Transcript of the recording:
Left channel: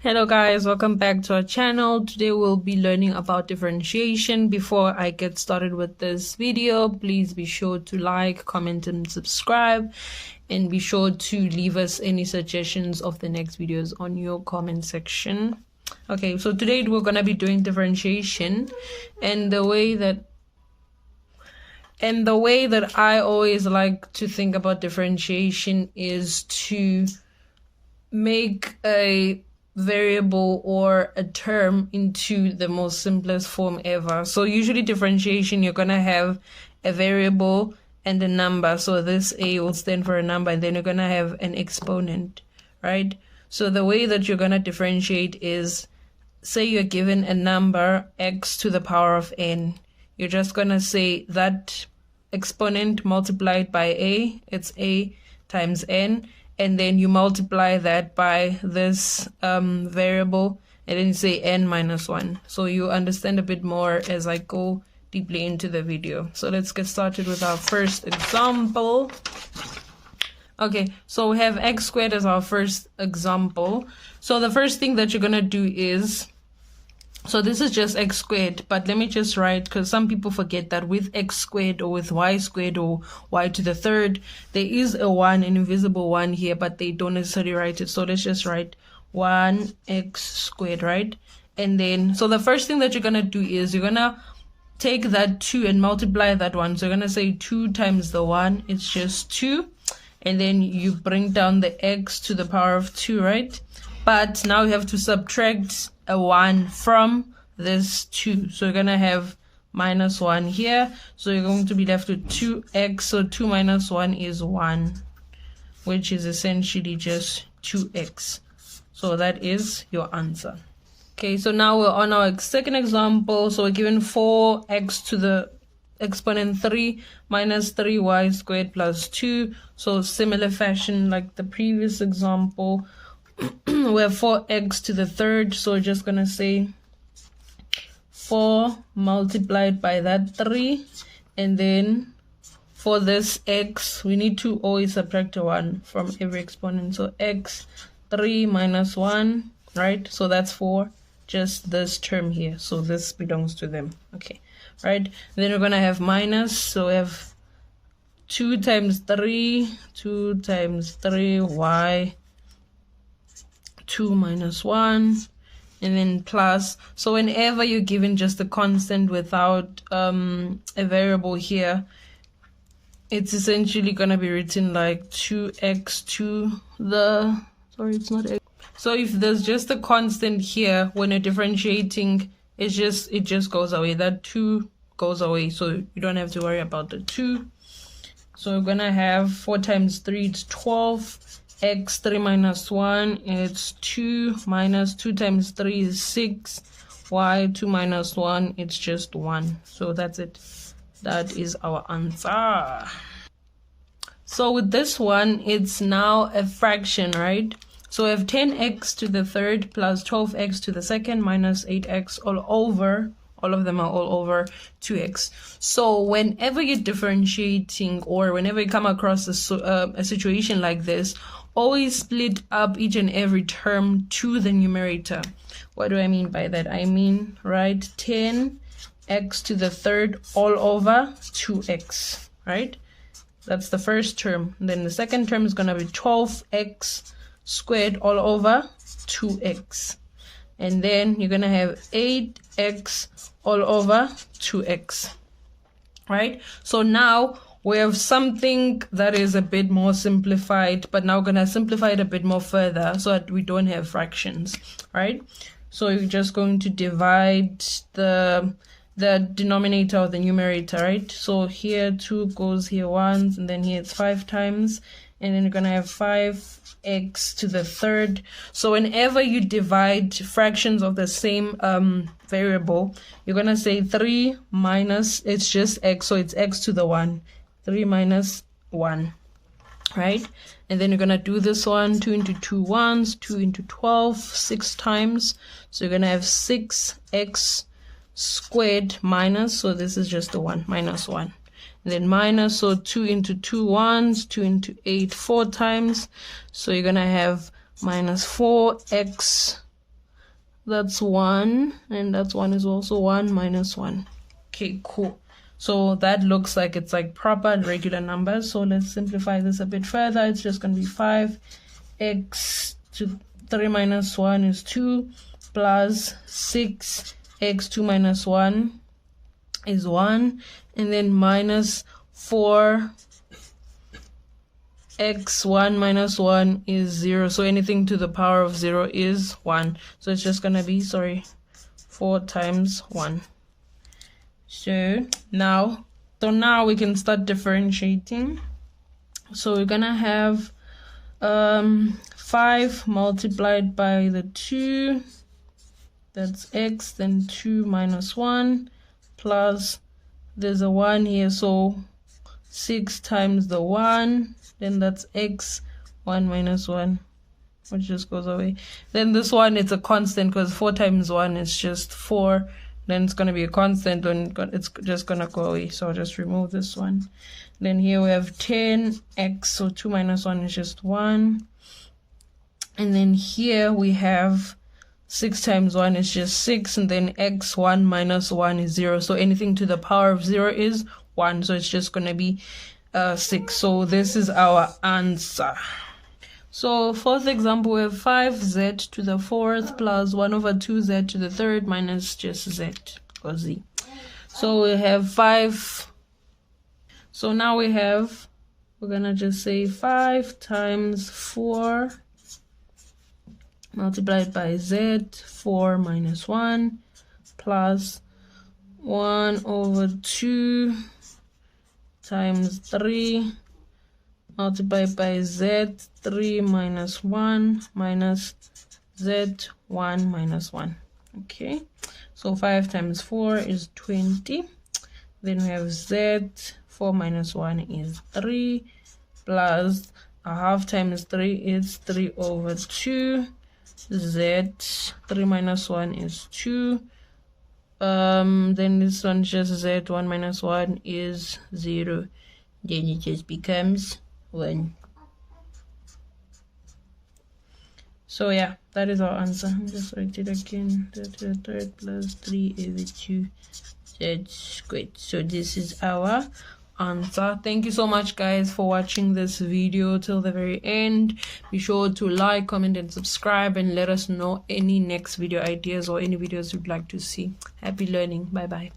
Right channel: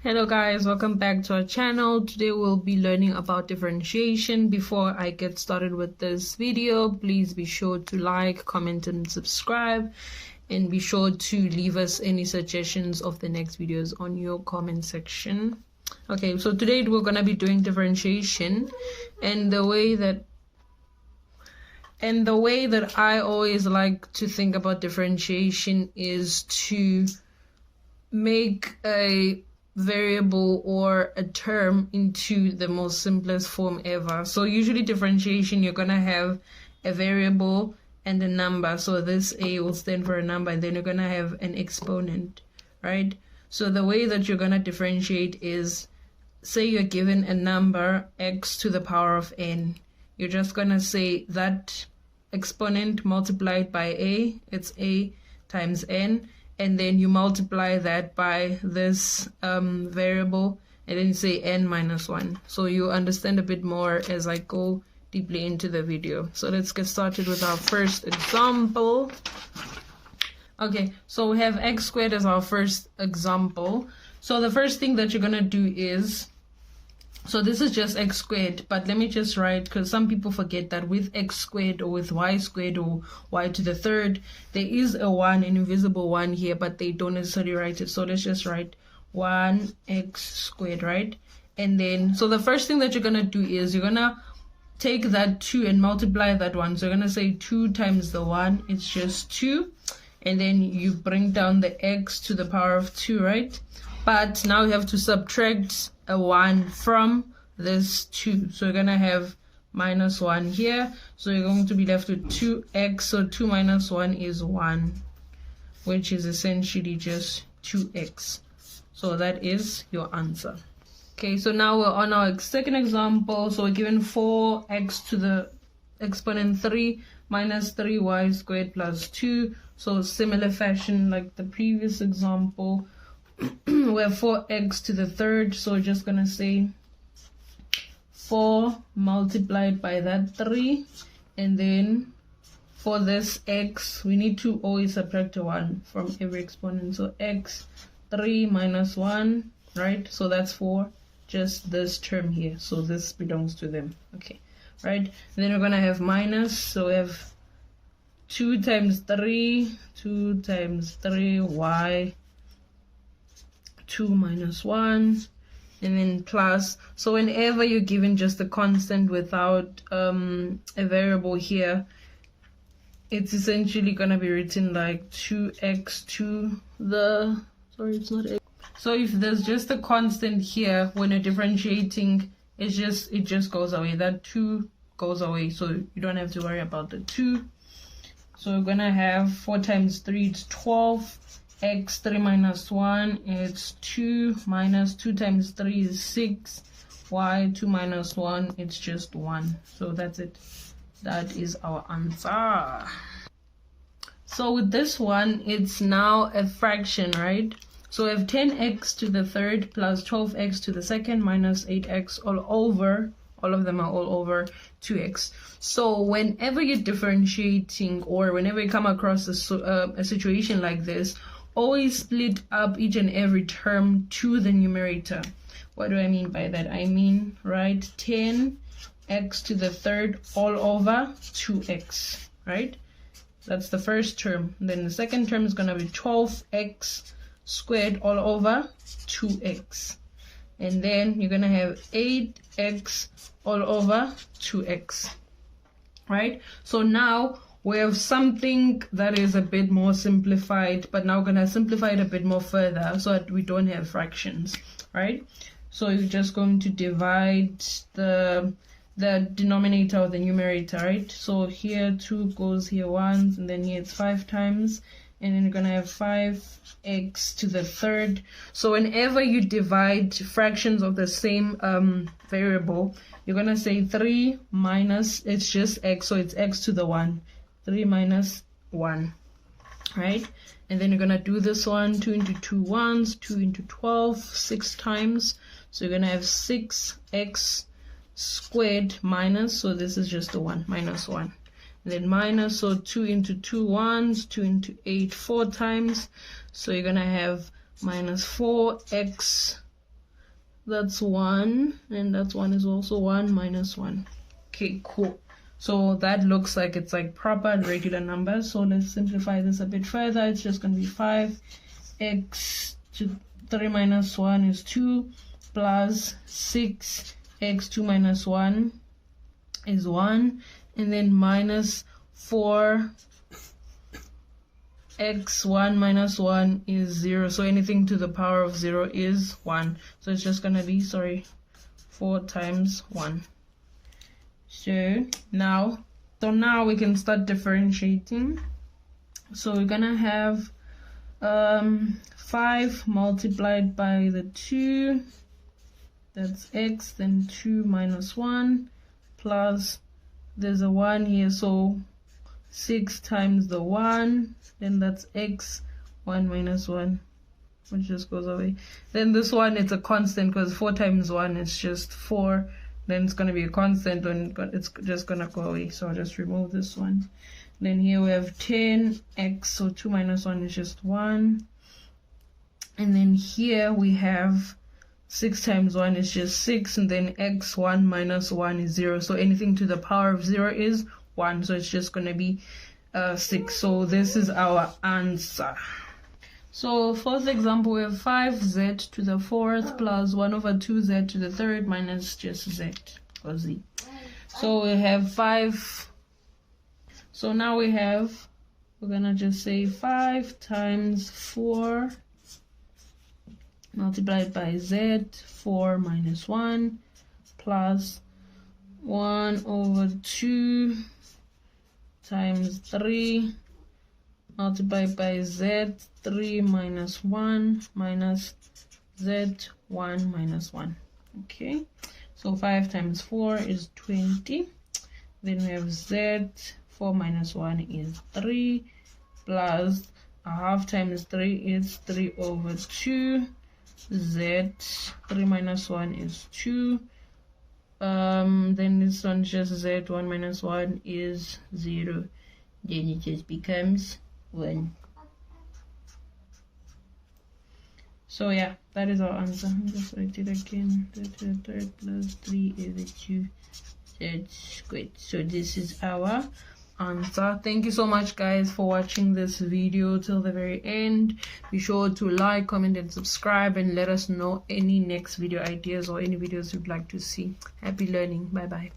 Hello guys, welcome back to our channel. Today we'll be learning about differentiation. Before I get started with this video, please be sure to like, comment and subscribe, and be sure to leave us any suggestions of the next videos on your comment section. Okay, so today we're going to be doing differentiation, and the way that I always like to think about differentiation is to make a variable or a term into the most simplest form ever. So usually differentiation, you're going to have a variable and a number. So this a will stand for a number, and then you're going to have an exponent, right? So the way that you're going to differentiate is, say you're given a number x to the power of n. You're just going to say that exponent multiplied by a, it's a times n, and then you multiply that by this variable, and then you say n minus 1. So you understand a bit more as I go deeply into the video. So let's get started with our first example. Okay, so we have x squared as our first example. So the first thing that you're going to do is, so this is just x squared, but let me just write, because some people forget that with x squared or with y squared or y to the third, there is a 1, an invisible 1 here, but they don't necessarily write it. So let's just write 1x squared, right? And then, so the first thing that you're going to do is you're going to take that 2 and multiply that 1. So you're going to say 2 times the 1, it's just 2. And then you bring down the x to the power of 2, right? But now you have to subtract a 1 from this 2. So you're going to have minus 1 here. So you're going to be left with 2x. So 2 minus 1 is 1, which is essentially just 2x. So that is your answer. Okay, so now we're on our second example. So we're given 4x to the exponent 3 minus 3y squared plus 2. So similar fashion like the previous example. We have 4x to the third, so we're just going to say 4 multiplied by that 3, and then for this x, we need to always subtract a 1 from every exponent. So x 3 minus 1, right? So that's for just this term here. So this belongs to them. Okay, right? And then we're going to have minus, so we have 2 times 3, 2 times 3, y 2 minus 1, and then plus. So whenever you're given just a constant without a variable here, it's essentially going to be written like 2x to the, sorry, it's not x. So if there's just a constant here, when you're differentiating, it just goes away. That 2 goes away, so you don't have to worry about the 2. So we're going to have 4 times 3, it's 12. X 3 minus 1, it's 2, minus 2 times 3 is 6, y 2 minus 1, it's just 1. So that's it. That is our answer. So with this one, it's now a fraction, right? So we have 10x to the third plus 12x to the second minus 8x all over, all of them are all over 2x. So whenever you're differentiating, or whenever you come across a situation like this, always split up each and every term to the numerator. What do I mean by that? I mean, right, 10x to the third all over 2x, right? That's the first term. Then the second term is going to be 12x squared all over 2x. And then you're going to have 8x all over 2x, right? So now we have something that is a bit more simplified, but now we're going to simplify it a bit more further so that we don't have fractions, right? So you're just going to divide the denominator or the numerator, right? So here 2 goes here once, and then here it's 5 times, and then you're going to have 5x to the third. So whenever you divide fractions of the same variable, you're going to say 3 minus, it's just x, so it's x to the 1. 3 minus 1, right? And then you're going to do this one, 2 into 2 once, 2 into 12, 6 times. So you're going to have 6x squared minus, so this is just a 1, minus 1. And then minus, so 2 into 2 once, 2 into 8, 4 times. So you're going to have minus 4x that's 1, and that's 1 is also 1 minus 1. Okay, cool. So that looks like it's like proper and regular numbers. So let's simplify this a bit further. It's just going to be 5x to 3 minus 1 is 2 plus 6x2 minus 1 is 1, and then minus 4 x1 minus 1 is 0. So anything to the power of 0 is 1. So it's just going to be, 4 times 1. So now we can start differentiating. So we're going to have 5 multiplied by the 2, that's x, then 2 minus 1, plus there's a 1 here, so 6 times the 1, then that's x, 1 minus 1, which just goes away. Then this one, it's a constant because 4 times 1 is just 4. Then it's going to be a constant, and it's just going to go away. So I'll just remove this one. Then here we have 10x, so 2 minus 1 is just 1. And then here we have 6 times 1 is just 6, and then x, 1 minus 1 is 0. So anything to the power of 0 is 1. So it's just going to be 6. So this is our answer. So fourth example, we have 5z to the 4th plus 1 over 2z to the 3rd minus just z or z. So we have 5. So now we're gonna just say 5 times 4 multiplied by z, 4 minus 1 plus 1 over 2 times 3 multiplied by z, 3 minus 1 minus z, 1 minus 1. Okay, so 5 times 4 is 20. Then we have z, 4 minus 1 is 3, plus a half times 3 is 3 over 2. Z, 3 minus 1 is 2. Then this one just z, 1 minus 1 is 0. Then it just becomes 1. So yeah, that is our answer. I'll just write it again. 3 plus 3 is 2. That's great. So this is our answer. Thank you so much, guys, for watching this video till the very end. Be sure to like, comment, and subscribe, and let us know any next video ideas or any videos you'd like to see. Happy learning. Bye bye.